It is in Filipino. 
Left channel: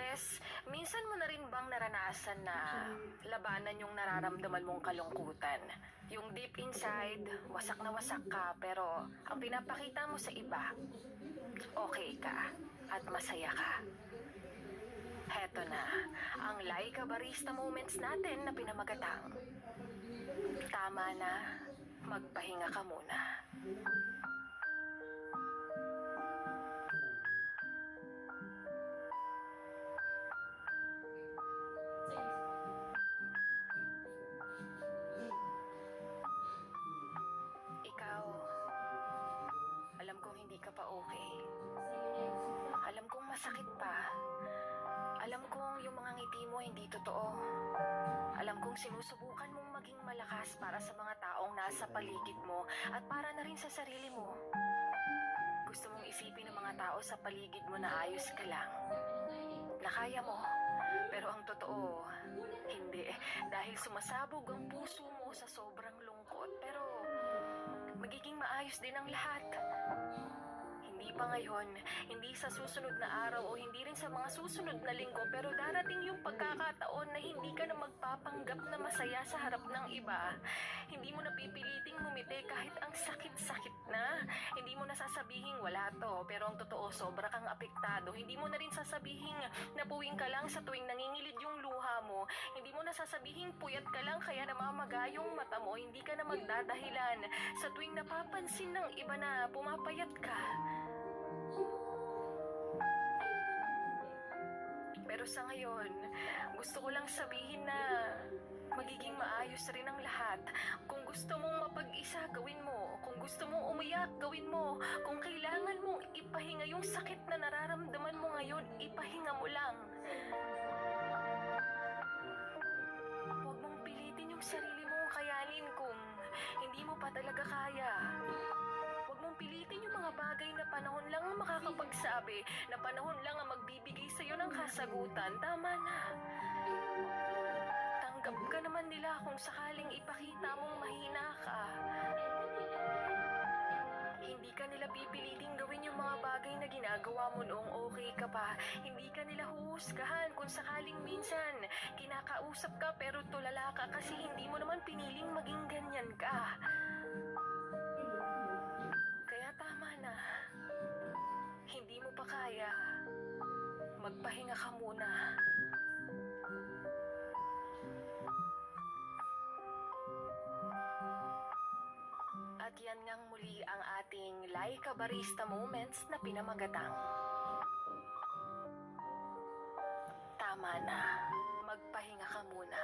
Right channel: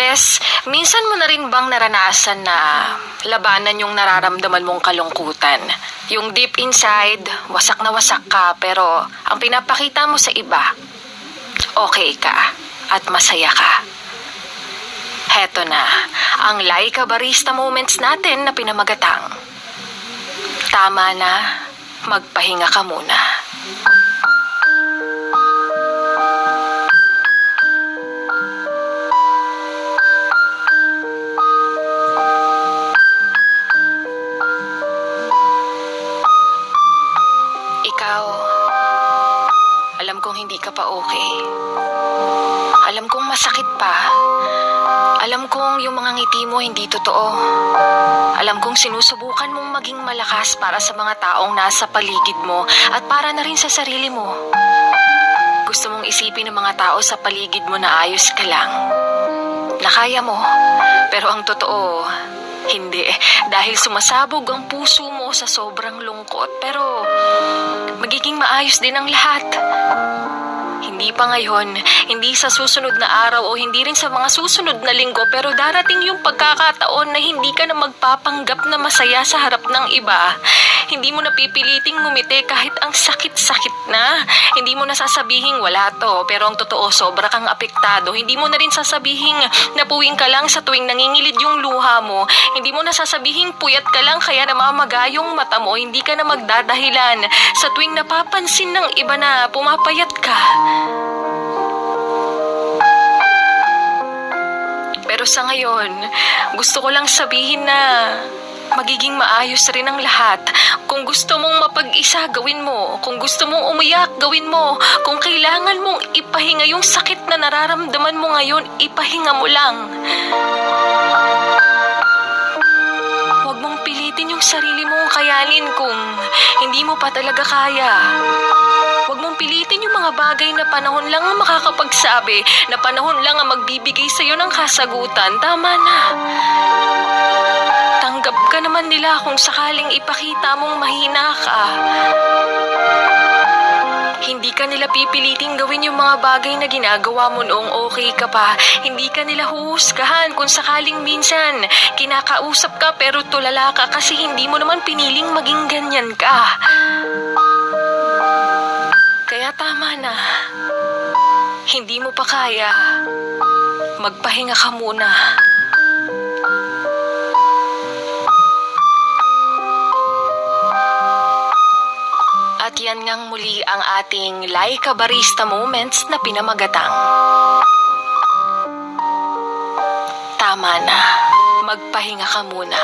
Bes, minsan mo na rin bang naranasan na labanan yung nararamdaman mong kalungkutan? Yung deep inside, wasak na wasak ka, pero ang pinapakita mo sa iba, okay ka at masaya ka. Heto na, ang Laika Barista Moments natin na pinamagatang. Tama na, magpahinga ka muna. Ikaw, alam kong hindi ka pa okay. Alam kong masakit pa. Alam kong yung mga ngiti mo hindi totoo. Alam kong sinusubukan mong maging malakas para sa mga taong nasa paligid mo at para na rin sa sarili mo. Gusto mong isipin ng mga tao sa paligid mo na ayos ka lang. Na kaya mo. Pero ang totoo, hindi. Dahil sumasabog ang puso mo sa sobrang lungkot. Pero magiging maayos din ang lahat. Hindi pa ngayon, hindi sa susunod na araw o hindi rin sa mga susunod na linggo, pero darating yung pagkakataon na hindi ka na magpapanggap na masaya sa harap ng iba. Hindi mo na pipiliting ngumiti kahit ang sakit-sakit na. Hindi mo na sasabihing wala to, pero ang totoo sobra kang apektado. Hindi mo na rin sasabihing napuwing ka lang sa tuwing nangingilid yung luha mo. Hindi mo na sasabihing puyat ka lang kaya namamaga yung mata mo. Hindi ka na magdadahilan sa tuwing napapansin ng iba na pumapayat ka. Pero sa ngayon, gusto ko lang sabihin na magiging maayos rin ang lahat. Kung gusto mong mapag-isa, gawin mo. Kung gusto mong umiyak, gawin mo. Kung kailangan mong ipahinga yung sakit na nararamdaman mo ngayon, ipahinga mo lang. Huwag mong pilitin yung sarili mong kayanin kung hindi mo pa talaga kaya. Huwag mong pilitin yung mga bagay na panahon lang ang makakapagsabi, na panahon lang ang magbibigay sa'yo ng kasagutan. Tama na. Tanggap ka naman nila kung sakaling ipakita mong mahina ka. Hindi ka nila pipiliting gawin yung mga bagay na ginagawa mo noong okay ka pa. Hindi ka nila huhusgahan kung sakaling minsan kinakausap ka pero tulala ka kasi hindi mo naman piniling maging ganyan ka. Kaya tama na. Hindi mo pa kaya. Magpahinga ka muna. At yan ngang muli ang ating Laika Barista Moments na pinamagatang. Tama na. Magpahinga ka muna.